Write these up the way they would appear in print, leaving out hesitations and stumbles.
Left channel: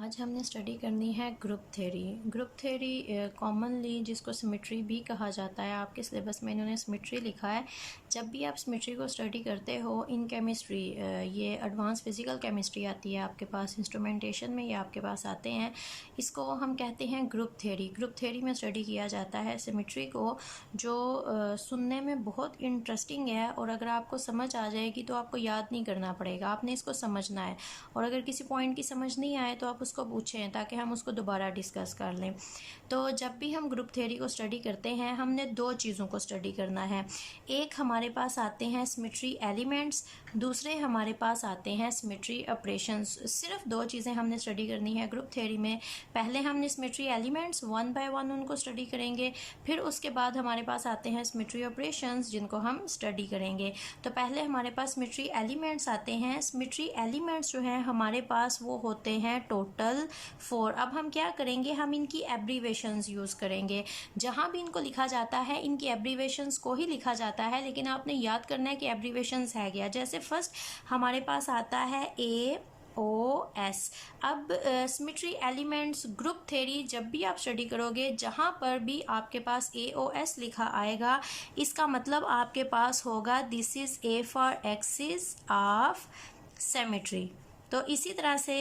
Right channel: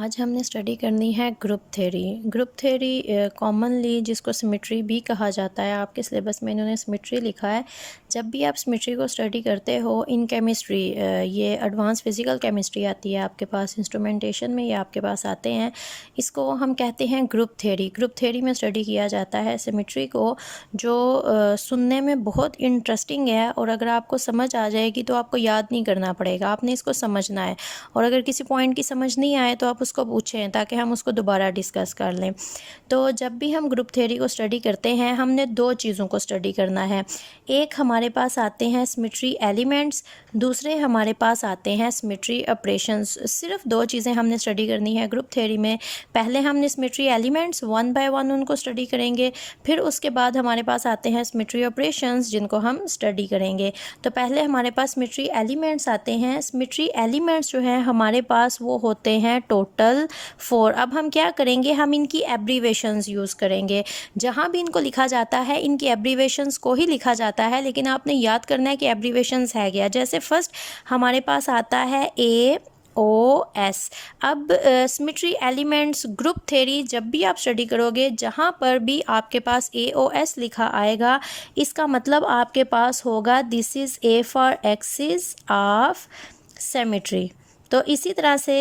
आज हमने स्टडी करनी है group theory. Group theory commonly जिसको सिमेट्री भी कहा जाता है, आपके सिलेबस में इन्होंने सिमेट्री लिखा है। जब भी आप सिमेट्री को स्टडी करते हो इन केमिस्ट्री, ये एडवांस फिज़िकल केमिस्ट्री आती है आपके पास, इंस्ट्रूमेंटेशन में ये आपके पास आते हैं। इसको हम कहते हैं ग्रुप थ्योरी। ग्रुप थ्योरी में स्टडी किया जाता है सिमेट्री को, जो सुनने में बहुत इंटरेस्टिंग है और अगर आपको समझ आ जाएगी तो आपको याद नहीं करना पड़ेगा, आपने इसको समझना है। और अगर किसी पॉइंट की समझ नहीं आए तो आप उसको पूछें ताकि हम उसको दोबारा डिस्कस कर लें। तो जब भी हम ग्रुप थ्योरी को स्टडी करते हैं हमने दो चीज़ों को स्टडी करना है। एक हमारे पास आते हैं सिमेट्री एलिमेंट्स, दूसरे हमारे पास आते हैं सिमेट्री ऑपरेशंस। सिर्फ दो चीज़ें हमने स्टडी करनी है ग्रुप थ्योरी में। पहले हमने symmetry elements one by one उनको स्टडी करेंगे, फिर उसके बाद हमारे पास आते हैं सिमेट्री ऑपरेशंस जिनको हम स्टडी करेंगे। तो पहले हमारे पास सिमेट्री एलिमेंट्स आते हैं। सिमेट्री एलिमेंट्स जो हैं हमारे पास वो होते हैं टोटल 4। अब हम क्या करेंगे, हम इनकी एब्रीवेशंस यूज़ करेंगे। जहाँ भी इनको लिखा जाता है इनकी एब्रीवेशंस को ही लिखा जाता है, लेकिन आपने याद करना है कि एब्रीवेशंस है क्या। जैसे फर्स्ट हमारे पास आता है AOS। अब सिमेट्री एलिमेंट्स ग्रुप थ्योरी जब भी आप स्टडी करोगे, जहाँ पर भी आपके पास AOS लिखा आएगा, इसका मतलब आपके पास होगा this is A for axis of symmetry. तो इसी तरह से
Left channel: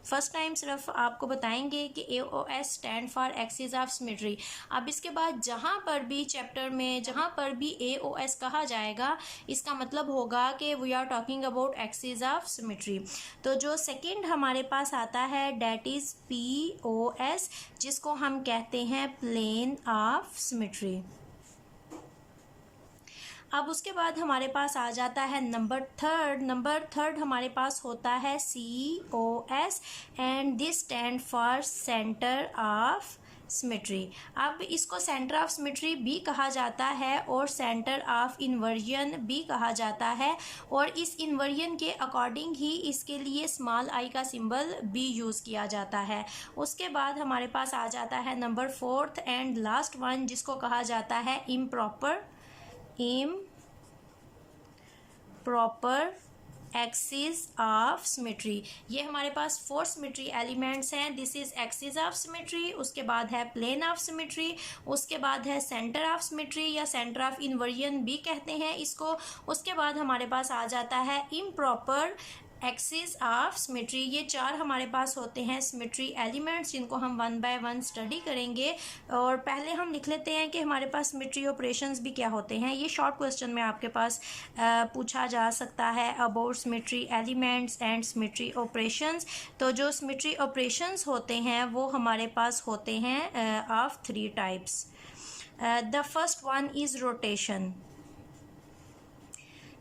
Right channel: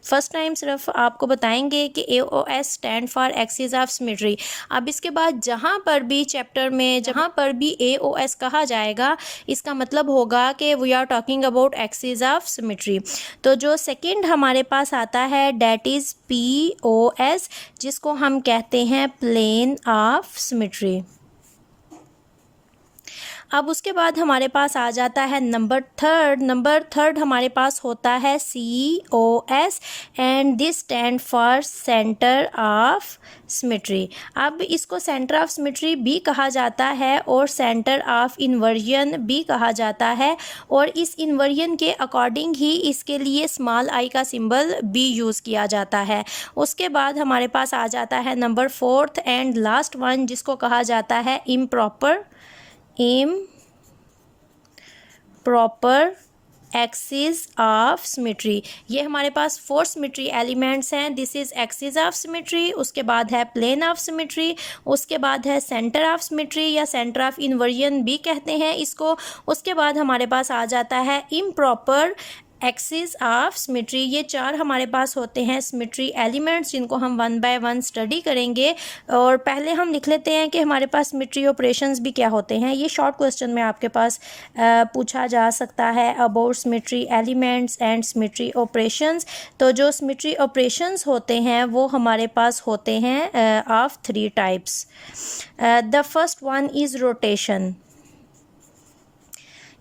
फर्स्ट टाइम सिर्फ आपको बताएंगे कि AOS stand for axis of symmetry. अब इसके बाद जहाँ पर भी चैप्टर में जहाँ पर भी AOS कहा जाएगा, इसका मतलब होगा कि we are talking about axis of symmetry. तो जो सेकंड हमारे पास आता है डैट इज़ POS, जिसको हम कहते हैं प्लेन ऑफ सिमेट्री। अब उसके बाद हमारे पास आ जाता है नंबर थर्ड हमारे पास होता है COS and this stand for centre of symmetry. अब इसको सेंटर ऑफ सिमेट्री भी कहा जाता है और सेंटर ऑफ इन्वर्जन भी कहा जाता है, और इस इन्वर्जन के अकॉर्डिंग ही इसके लिए स्मॉल आई का सिंबल भी यूज़ किया जाता है। उसके बाद हमारे पास आ जाता है number fourth and last one, जिसको कहा जाता है इम्प्रॉपर एक्सिस ऑफ सिमेट्री। ये हमारे पास 4 सिमेट्री एलिमेंट्स हैं। This is axis of symmetry, उसके बाद है प्लेन ऑफ सिमेट्री, उसके बाद है सेंटर ऑफ सिमेट्री या सेंटर ऑफ इन्वर्जन भी कहते हैं इसको। उसके बाद हमारे पास आ जाता है इम्प्रॉपर एक्सिस ऑफ सिमेट्री। ये 4 हमारे पास होते हैं सिमेट्री एलिमेंट्स, जिनको हम वन बाय वन स्टडी करेंगे। और पहले हम लिख लेते हैं कि हमारे पास सिमेट्री ऑपरेशंस भी क्या होते हैं। ये शॉर्ट क्वेश्चन में आपके पास पूछा जा सकता है about symmetry elements and symmetry operations. तो जो सिमेट्री ऑपरेशंस होते हैं वो हमारे पास होते हैं of 3 types. The first one is rotation.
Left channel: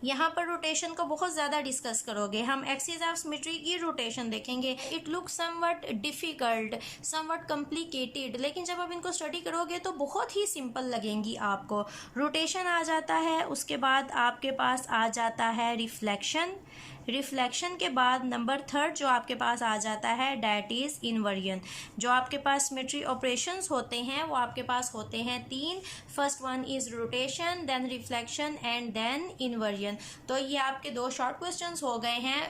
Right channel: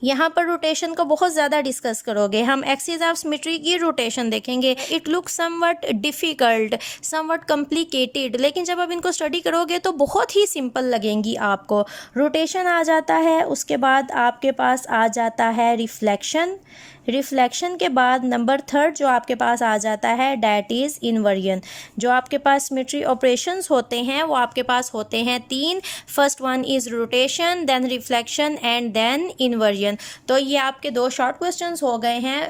यहाँ पर रोटेशन को बहुत ज़्यादा डिस्कस करोगे, हम एक्सिस ऑफ सिमेट्री की रोटेशन देखेंगे। It look somewhat difficult, somewhat complicated, लेकिन जब आप इनको स्टडी करोगे तो बहुत ही सिंपल लगेंगी आपको। रोटेशन आ जाता है, उसके बाद आपके पास आ जाता है रिफ्लेक्शन के बाद नंबर थर्ड जो आपके पास आ जाता है डैट इज़ इन्वर्जन। जो आपके पास सिमेट्री ऑपरेशंस होते हैं वो आपके पास होते हैं 3। First one is rotation, then reflection and then inversion. तो ये आपके 2 शॉर्ट क्वेश्चंस हो गए हैं।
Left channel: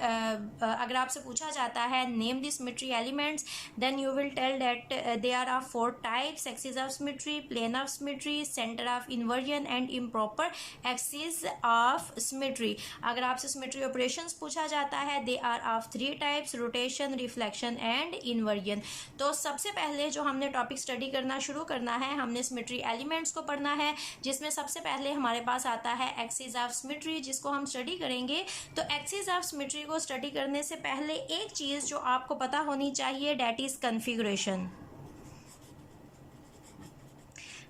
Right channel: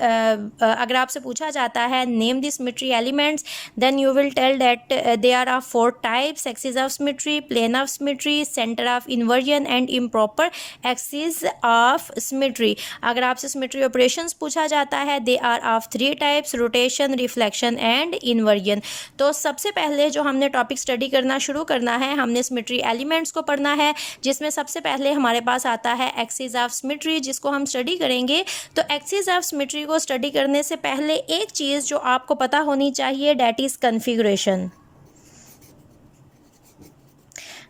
अगर आपसे पूछा जाता है name the symmetry elements, then you will tell that they are of 4 types: axis of symmetry, plane of symmetry, centre of inversion and improper axis of symmetry. अगर आपसे सिमेट्री ऑपरेशंस पूछा जाता है they are of 3 types: rotation, reflection and inversion. तो सबसे पहले जो हमने टॉपिक स्टडी करना शुरू करना है, हमने सिमेट्री एलिमेंट्स को पढ़ना है, जिसमें सबसे पहले हमारे पास आता है एक्सिस ऑफ सिमेट्री, जिसको हम स्टडी करेंगे। तो एक्सिस ऑफ सिमेट्री को स्टडी करने से पहले एक चीज़ जो आपको पता होनी चाहिए डैट इज़ कन्फिगरेशन।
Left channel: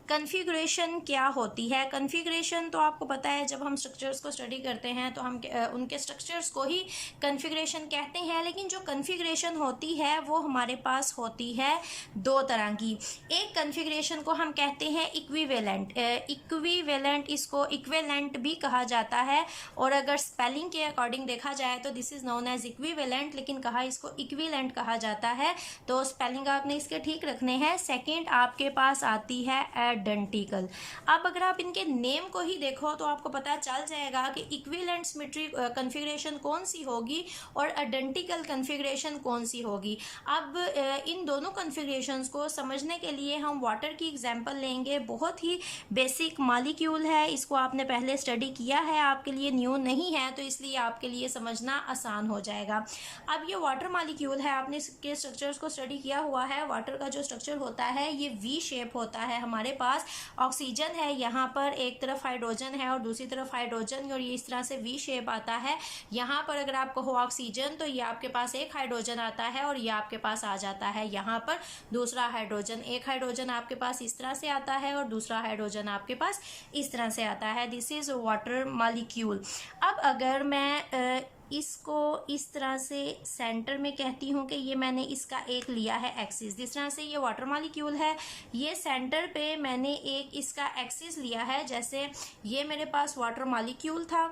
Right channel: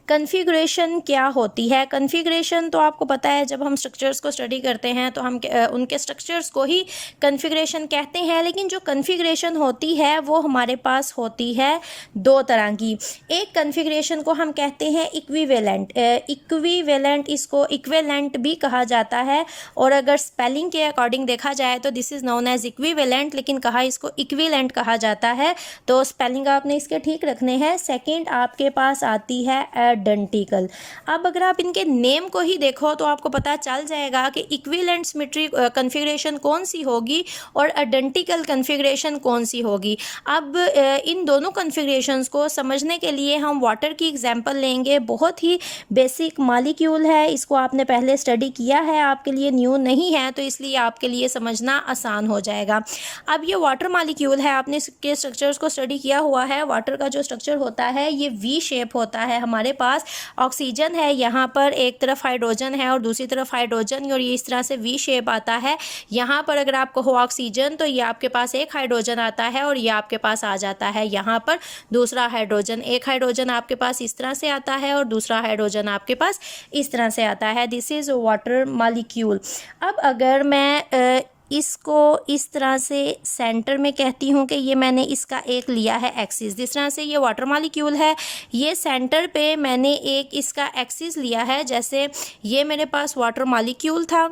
कन्फिगरेशन क्या होती है? कन्फिगरेशन तो आपको पता है, जब हम स्ट्रक्चर्स को स्टडी करते हैं तो हम उनके स्ट्रक्चर्स को ही कन्फिगरेशन कहते हैं। लेकिन जो कन्फिगरेशन होती है वो हमारे पास होती है 2 तरह की। एक कन्फिगरेशन को हम कहते हैं इक्विवेलेंट, इसको इक्विवेलेंट भी कहा जाता है, और अगर स्पेलिंग के अकॉर्डिंग देखा जाए तो this is known as equivalent, लेकिन कहा इसको इक्विवेलेंट कहा जाता है। तो स्पेलिंग आपने इसके ठीक रखने हैं। सेकेंड आपके पास आती है अडंटिकल। अब अगर आप इनके नेम को ही देखो तो आपको पता चल जाएगा कि इक्विवेलेंट सिमेट्री कन्फिगरेशन कौन सी होगी और अडंटिकल कन्फिगरेशन कौन सी होगी। अब इन दोनों कन्फिगरेशंस को समझने के लिए हम वाटर की एग्जांपल लेंगे। बहुत ही बेसिक मॉलिक्यूल है, इसको आपने पहले स्टडी किया है, आपके लिए न्यू नहीं है, तो इसलिए आपके लिए समझना आसान हो जाएगा। अब ये वाटर मॉलिक्यूल है, आपने इसके स्ट्रक्चर्स को स्टडी किया हुआ है। वाटर का जो स्ट्रक्चर होता है ये वी शेप होता है। हमारे पास ऑक्सीजन है, यहाँ पर एक तरफ हाइड्रोजन है और दूसरी तरफ हाइड्रोजन, और ये इस तरह से वी शेप आता है। यहाँ पर अगर आप कहो ऑक्सीजन तो ये आपके पास एक हाइड्रोजन आता है और ये आपके पास आ जाता है यहाँ पर दूसरा हाइड्रोजन। एक हाइड्रोजन आपके पास इस तरह से आता है और दूसरा हाइड्रोजन आपके पास इस तरह से आता है। This is water molecule. अब अगर मैं इसको इस तरह से सेंटर में कहती हूँ कि ये मैंने इसका एक लिया है एक्सिस, जिस तरह से ये वाटर मॉलिक्यूल है, ये सेंटर पे मैंने एक इसका एक्सिस लिया है। जैसे ये मेरे पास वाटर मॉलिक्यूल था,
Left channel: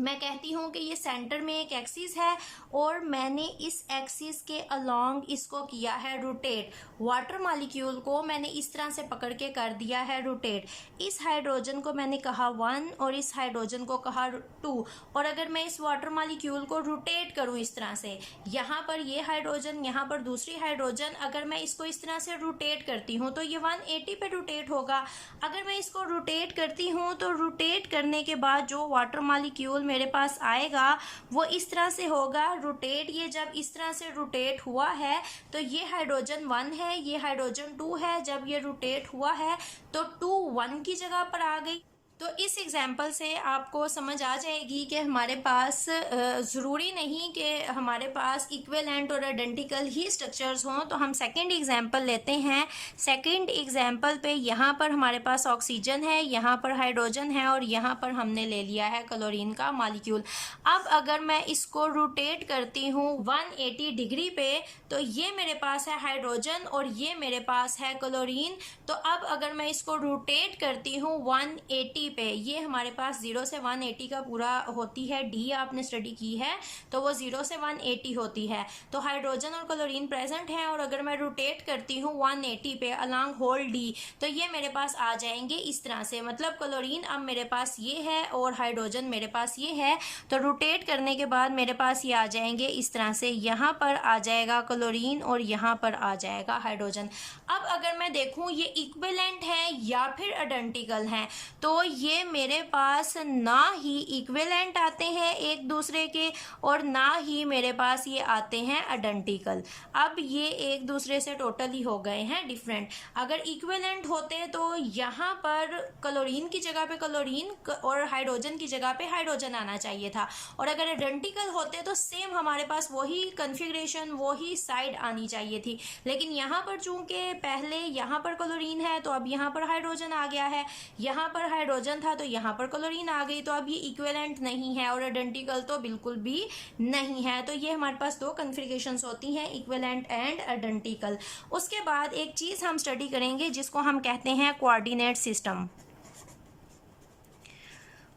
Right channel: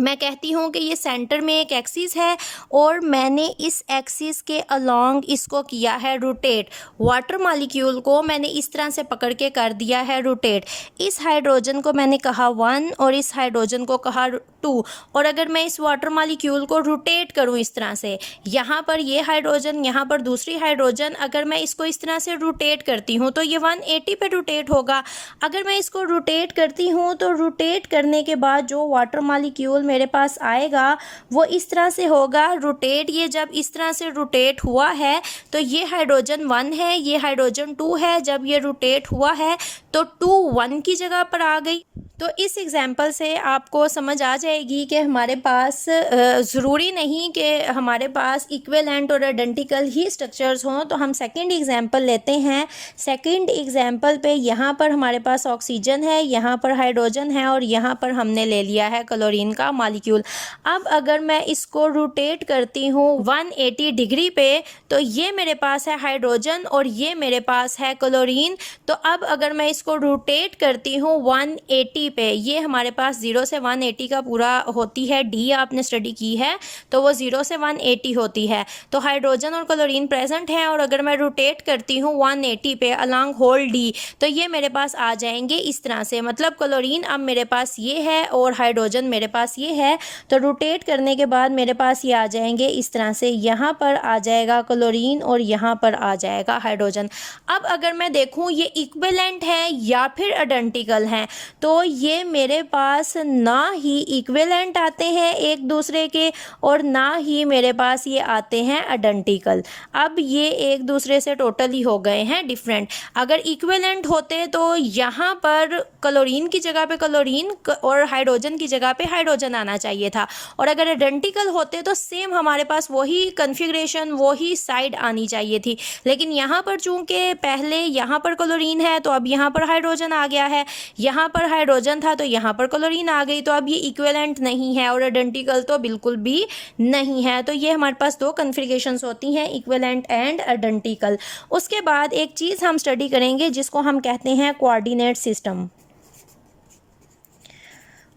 मैं कहती हूँ कि ये सेंटर में एक एक्सिस है और मैंने इस एक्सिस के अलोंग इसको किया है रोटेट। वाटर मॉलिक्यूल को मैंने इस तरह से पकड़ के कर दिया है रोटेट। इस हाइड्रोजन को मैंने कहा 1 और इस हाइड्रोजन को कहा 2, और अगर मैं इस वाटर मॉलिक्यूल को रोटेट करूँ इस तरह से, यहाँ पर ये हाइड्रोजन, यहाँ पर दूसरी हाइड्रोजन, अगर मैं इसको इस तरह से रोटेट करती हूँ तो ये 180 पे रोटेट होगा। अगर मैं इसको रोटेट करती हूँ तो रोटेट करने के बाद जो वाटर मॉलिक्यूल मेरे पास आएगा वो इस तरह से होगा रोटेट। ये जब इस तरह से रोटेट हुआ है तो ये हाइड्रोजन 1 है, ये हाइड्रोजन 2 है। जब ये रोटेट हुआ है तो 2 1 की जगह पर आ गई। तो इस एग्जाम्पल से आपको समझ आ जाएगी कि हमारे पास ज़रूरी नहीं कि हमारे पास इक्विवेलेंट और आइडेंटिकल ही स्ट्रक्चर्स हों। तो हम सेकंड एग्जाम्पल लेते हैं। सेकंड एग्जाम्पल पे यहाँ पर हमारे पास ऑक्सीजन है, यहाँ पर हाइड्रोजन है और यहाँ पर हमने ले लिया है क्लोरीन का मॉलिक्यूल। अब अगर मैं इसको रोटेट करती हूँ 180 डिग्री पे तो ये मेरे पास है हाइड्रोजन और ये मेरे पास है क्लोरीन। तो अब अगर मैं इसको रोटेट करती हूँ 180 पे, ये हमारे पास 0 से 180 का पूरा होती है, डी आपने स्टडी की है तो वो 0 से 180 होती है। तो हाइड्रोजन और क्लोरीन प्रेजेंट हैं और अगर मैं रोटेट करती हूँ 180 पे अलॉन्ग होल डी तो ये मेरे पास आ जाएंगे इस तरह से। मतलब क्लोरीन अब मेरे पास ये है और हाइड्रोजन मेरे पास ये है, तो रोटेट करने के बाद मेरे पास ये आ जाएंगे इस तरह से। यहाँ पर आ जाएगा क्लोरीन और यहाँ पर आ जाएगा हाइड्रोजन। अब अगर मैं देखूँ ये इक्विवेलेंट है या फिर आइडेंटिकल हैं, तो ये मेरे पास ना ही इक्विवेलेंट आते हैं एक दूसरे के और ना ही मेरे पास ये आते हैं आइडेंटिकल। अब ये एक दूसरे से टोटली हो गए हैं डिफरेंट। अगर इक्विवेलेंट होते तो यहाँ पर क्लोरीन की जगह पे क्लोरीन और हाइड्रोजन की जगह पे हाइड्रोजन आना चाहिए था, और अगर आइडेंटिकल होते तो सेम हमारे पास वही कन्फिग्रेशन वही साइड आनी चाहिए थी। लेकिन यहाँ पर चूंकि पहले यहाँ पर क्लोरीन है तो अब यहाँ पर हाइड्रोजन आ गया है, यहाँ पर हाइड्रोजन था तो यहाँ पर क्लोरीन आ गई, तो अब ये इक्विवेलेंट नहीं है और आइडेंटिकल तो बिल्कुल भी नहीं है। तो ये हमारे पास दो कन्फिग्रेशंस होती हैं, इक्विवेलेंट एंड आइडेंटिकल। उसके बाद एक चीज़ हम स्टडी करेंगे जिसको हम कहते हैं कोऑर्डिनेट सिस्टम।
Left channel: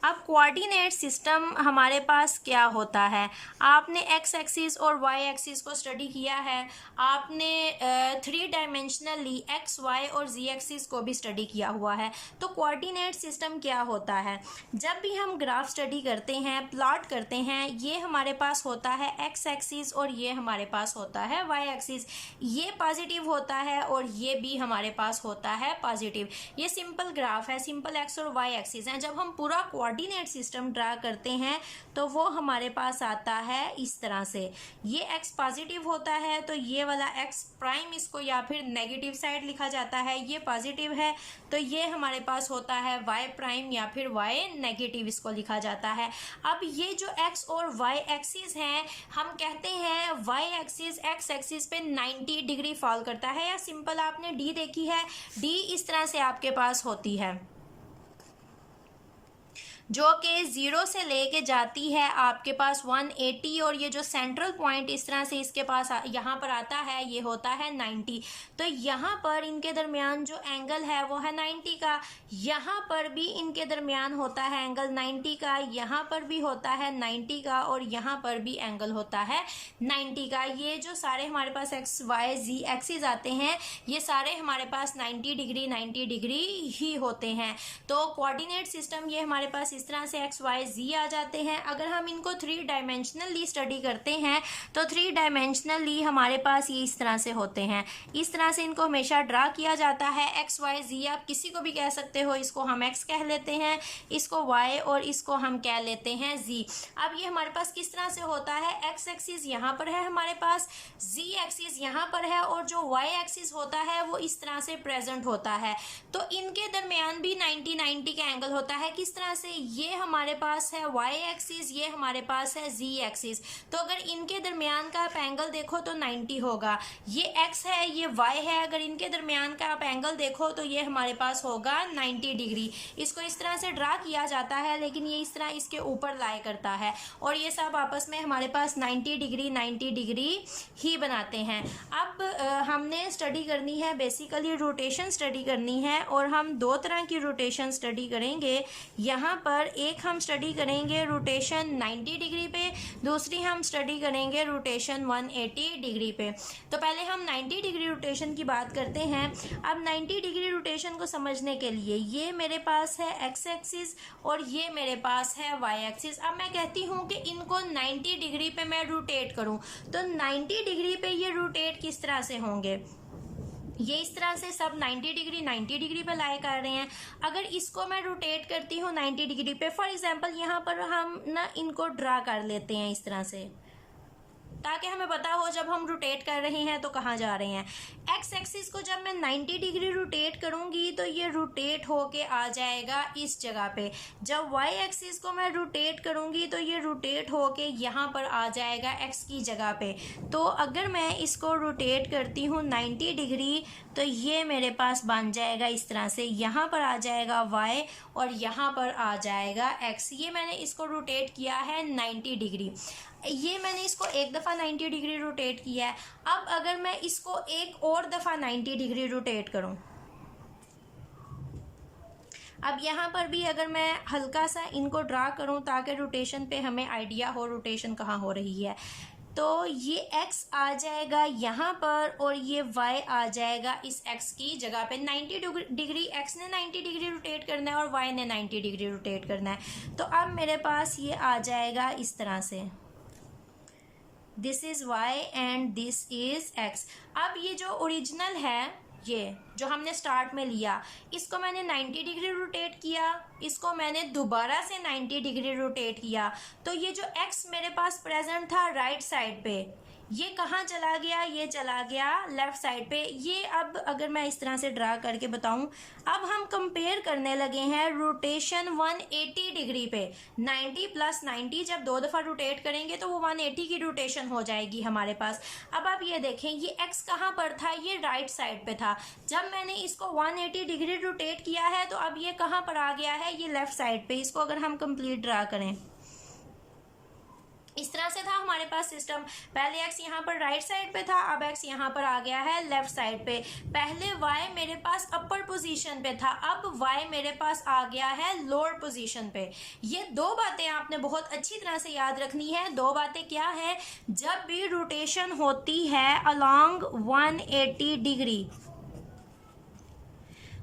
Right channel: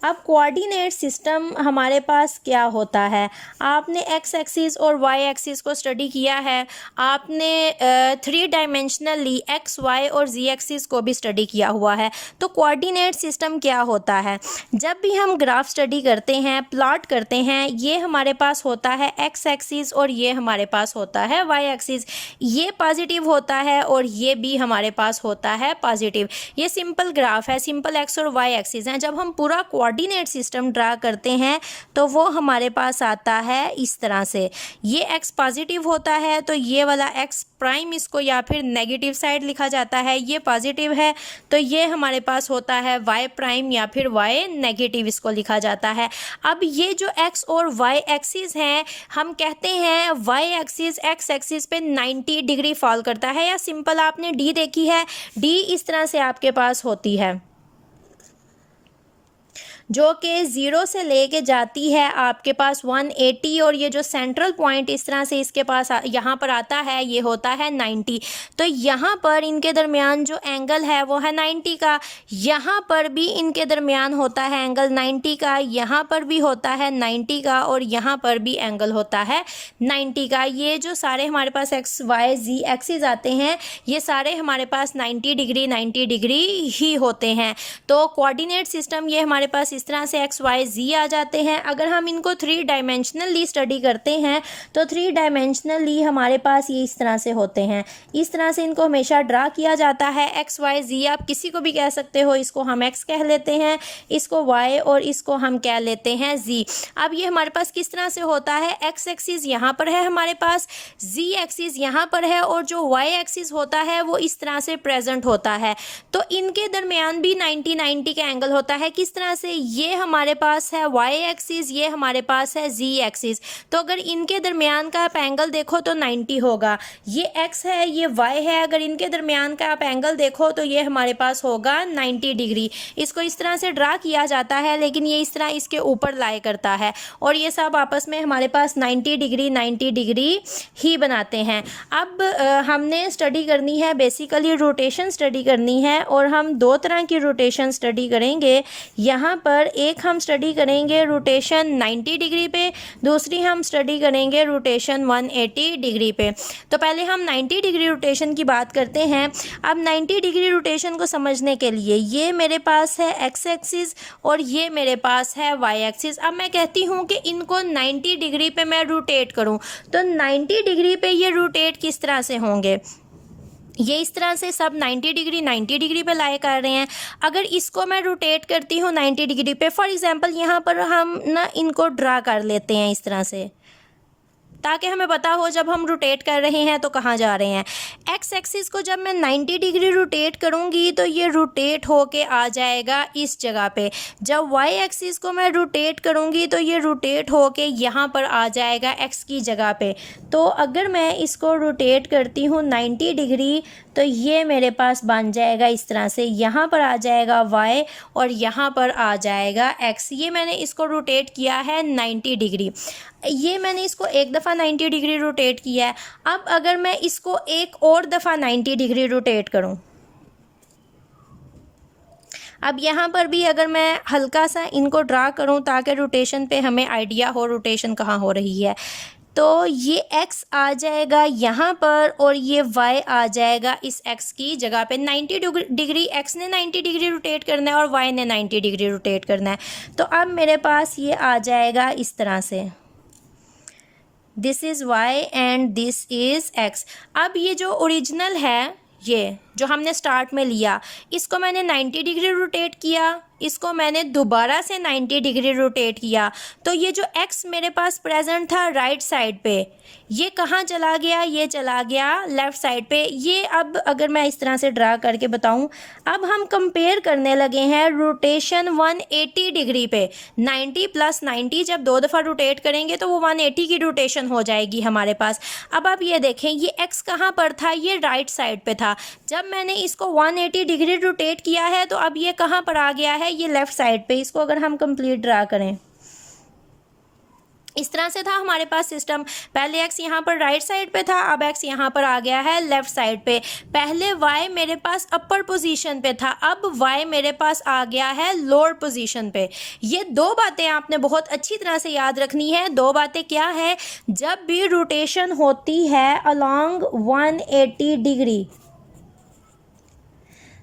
अब कोऑर्डिनेट सिस्टम हमारे पास क्या होता है, आपने एक्स एक्सिस और वाई एक्सिस को स्टडी किया है, आपने 3 डायमेंशनली एक्स वाई और जी एक्सिस को भी स्टडी किया हुआ है। तो कोऑर्डिनेट सिस्टम क्या होता है, जब भी हम ग्राफ स्टडी करते हैं प्लॉट करते हैं, ये हमारे पास होता है एक्स एक्सिस और ये हमारे पास होता है वाई एक्सिस। ये पॉजिटिव होता है और ये भी हमारे पास होता है पॉजिटिव। ये सिंपल ग्राफ है, सिंपल एक्स और वाई एक्सिस हैं। जब हम पूरा कोऑर्डिनेट सिस्टम ड्रा करते हैं तो वो हमारे पास आता है इस तरह से। ये एक्स पॉजिटिव होता है तो ये वाला एक्स प्राइम इसको या फिर नेगेटिव साइड लिखा जाता है, ये पॉजिटिव है तो ये हमारे पास होता है वाई प्राइम या फिर वाई नेगेटिव इसको लिखा जाता है। अब ये जो एक्स और वाई एक्सिस हैं, हम कहते हैं वाई एक्सिस एक्स एक्सिस पे 90 डिग्री फॉल करता है, या सिंपल आपने डी देखी है, डी इस तरह से आपके पास होती है। जो कि 0 से लेके जाती है आपके पास 180, और ये जो सेंट्रल पॉइंट इस तरह से इसके पास यहाँ पर आता है ये होता है 90। तो यहाँ पर इनके दरमियान जो एंगल है वो है 90 का, यहाँ पर भी इनके दरमियान होता है एंगल 90 का, यहाँ पर भी होता है 90 का, और यहाँ पर भी एंगल होता है 90 का। ये जो सारे हमारे पास एक्स वाई जी एक्सिस आते हैं ये सारे हमारे पास 90 डिग्री ही होते हैं। तो कोऑर्डिनेट सिस्टम ये हमारे पास इस तरह से एक्स वाई जी आ जाते हैं। अगर हम इनको 3 डायमेंशनली स्टडी करते हैं तो 3 डायमेंशनली हमारे पास ये इस तरह से होते हैं। इस तरह से इनको हमेशा ड्रा किया जाता है। एक्स वाई जी आप किसी को भी कह सकते हो, इसको हम एक्स कह लेते हैं, इसको वाई और इसको हम कह लेते हैं जी। अब ये हमारे पास किस तरह से होता है, एक्स एक्सिस यहाँ पर है हमारे पास, जी एक्सिस यहाँ पर है, और जो वाई एक्सिस होता है वो इस तरह से प्रेजेंट होता है। तो इनके दरमियान भी 90 का एंगल होता है। किस तरह से, ये हमारे पास है वाई एक्सिस, ये हमारे पास है जी एक्सिस। तो अगर इनके दरमियान का आप एंगल देखो तो 90 होगा। ये एक्स है ये वाई है, अगर इनके दरमियान का आप एंगल देखो तो ये हमारे पास होगा 90 डिग्री। इसको इस तरह से ड्रा किया जाता है, लेकिन ये इस तरह इसके ऊपर लाए करता है, और ये सब आपस में हमारे पास 90 डिग्री ही बनाते हैं। अब हमने स्टडी करनी है बेसिकली रोटेशन स्टडी करनी है, और हम 2 तरह की रोटेशन स्टडी करेंगे। यहाँ पर एक हम स्टडी करेंगे रोटेशन 90 डिग्री पे, दूसरी हम स्टडी करेंगे रोटेशन 180 डिग्री पे। तो पहले हम 90 डिग्री रोटेशन की बात करते हैं। अब 90 डिग्री रोटेशन को समझने के लिए ये मेरे पास है एक्स एक्सिस और ये मेरे पास है वाई एक्सिस। अब मैं कहती हूँ कि इनको 90 डिग्री पे मैं रोटेट करूँ, तो 90 डिग्री पे ये रोटेट किस तरह से होंगे, ये इस तरह से सब 90 डिग्री पे लाए कर रहे हैं। अगर इसको मैं रोटेट करती हूँ 90 डिग्री पे, फॉर एग्जांपल यहाँ पर हम ना इनको ड्रा कर लेते हैं इस तरह से, ताकि हमें पता हो जब हम रोटेट कर रहे हैं तो कहाँ जा रहे हैं। एक्स एक्सिस को जब मैं 90 डिग्री रोटेट करूँगी तो ये रोटेट होके आ जाएगा इस जगह पे। जब वाई एक्सिस को मैं रोटेट करूँगी तो ये रोटेट होके यहाँ पर आ जाएगा एक्स की जगह पे। तो अगर मैं इसको रोटेट करती हूँ 90 डिग्री तो ये मेरे पास बन जाएगा इस तरह से, यहाँ पर आ जाएगा y और यहाँ पर आ जाएगा x। ये मैंने इसको रोटेट किया है 90 डिग्री। ये मैंने इसको एक दफ़ा 90 डिग्री रोटेट किया है। अब अगर मैं इसको एक और दफ़ा 90 डिग्री रोटेट करूँ, अब यहाँ पर भी अगर मैं हल्का सा इनको ड्रा करूँ ताकि रोटेशन पे हमें आइडिया हो रोटेशन कहाँ हो रही है, तो ये x आ जाएगा यहाँ पर और ये y आ जाएगा इस x की जगह पे। 90 डिग्री x ने 90 डिग्री रोटेट करना है और y ने 90 डिग्री रोटेट करना है। तो अब मेरे पास ये आ जाएगा इस तरह से, this is y and this is x। अब ये जो ओरिजिनल है, ये जो हमने स्टार्ट में लिया, इसको मैंने 90 डिग्री रोटेट किया, इसको मैंने दोबारा से 90 डिग्री रोटेट किया, तो ये जो x मेरे पास प्रेजेंट था राइट साइड पे, ये कहाँ चला गया, ये चला गया लेफ़्ट साइड पे। ये अब अगर मैं इस तरह से ड्रा करके बताऊँ, अब हम कंपेयर करने लगे हैं रोटेशन 180 डिग्री पे। 90 + 90 जब 2 दफ़ा रोटेट करेंगे तो वो 180 की रोटेशन हो जाएगी हमारे पास। अब आप ये देखें, ये x कहाँ पर था, ये राइट साइड पे था। जब मैंने इसको 180 डिग्री रोटेट किया है तो अब ये कहाँ पर आ गया है, ये लेफ़्ट साइड पे। इसको अगर हम कंप्लीट ड्रा करें, इस तरह से था हमारे पास सिस्टम। पहले x यहाँ पर राइट साइड पे था, अब x यहाँ पर आ गया है लेफ़्ट साइड पे। पहले y मेरे पास अपर पोजीशन पे था, अब y मेरे पास आ गया है लोअर पोजीशन पे। ये 2 बातें आपने बहुत अच्छी तरह से याद रखनी है। 2 बातें क्या है, जब भी रोटेशन होती है अलोंग 180 डिग्री,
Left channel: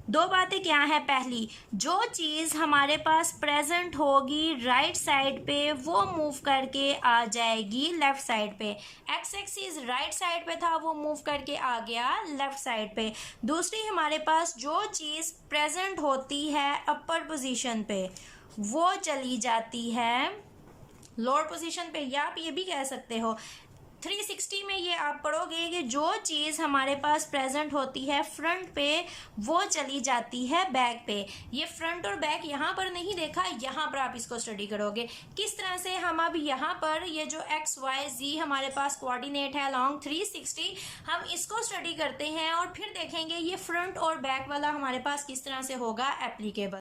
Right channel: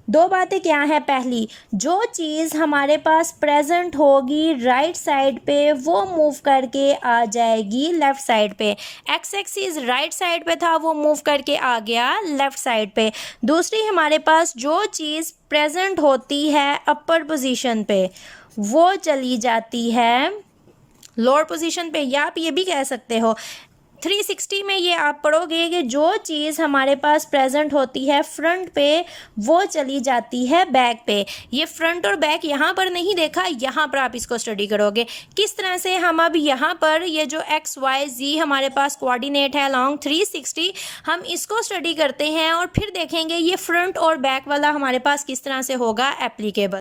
2 बातें क्या है, पहली, जो चीज़ हमारे पास प्रेजेंट होगी राइट साइड पे वो मूव करके आ जाएगी लेफ़्ट साइड पे। एक्स एक्सिस राइट साइड पे था, वो मूव करके आ गया लेफ़्ट साइड पे। दूसरी, हमारे पास जो चीज़ प्रेजेंट होती है अपर पोजीशन पे वो चली जाती है लोअर पोजीशन पे, या आप ये भी कह सकते हो 360 में ये आप पढ़ोगे कि जो चीज़ हमारे पास प्रेजेंट होती है फ्रंट पे वो चली जाती है बैक पे। ये फ्रंट और बैक यहाँ पर नहीं देखा, यहाँ पर आप इसको स्टडी करोगे किस तरह से। हम अब यहाँ पर ये जो x y z हमारे पास कोऑर्डिनेट है अलोंग 360, हम इसको स्टडी करते हैं और फिर देखेंगे ये फ्रंट और बैक वाला हमारे पास किस तरह से होगा एप्लीकेबल।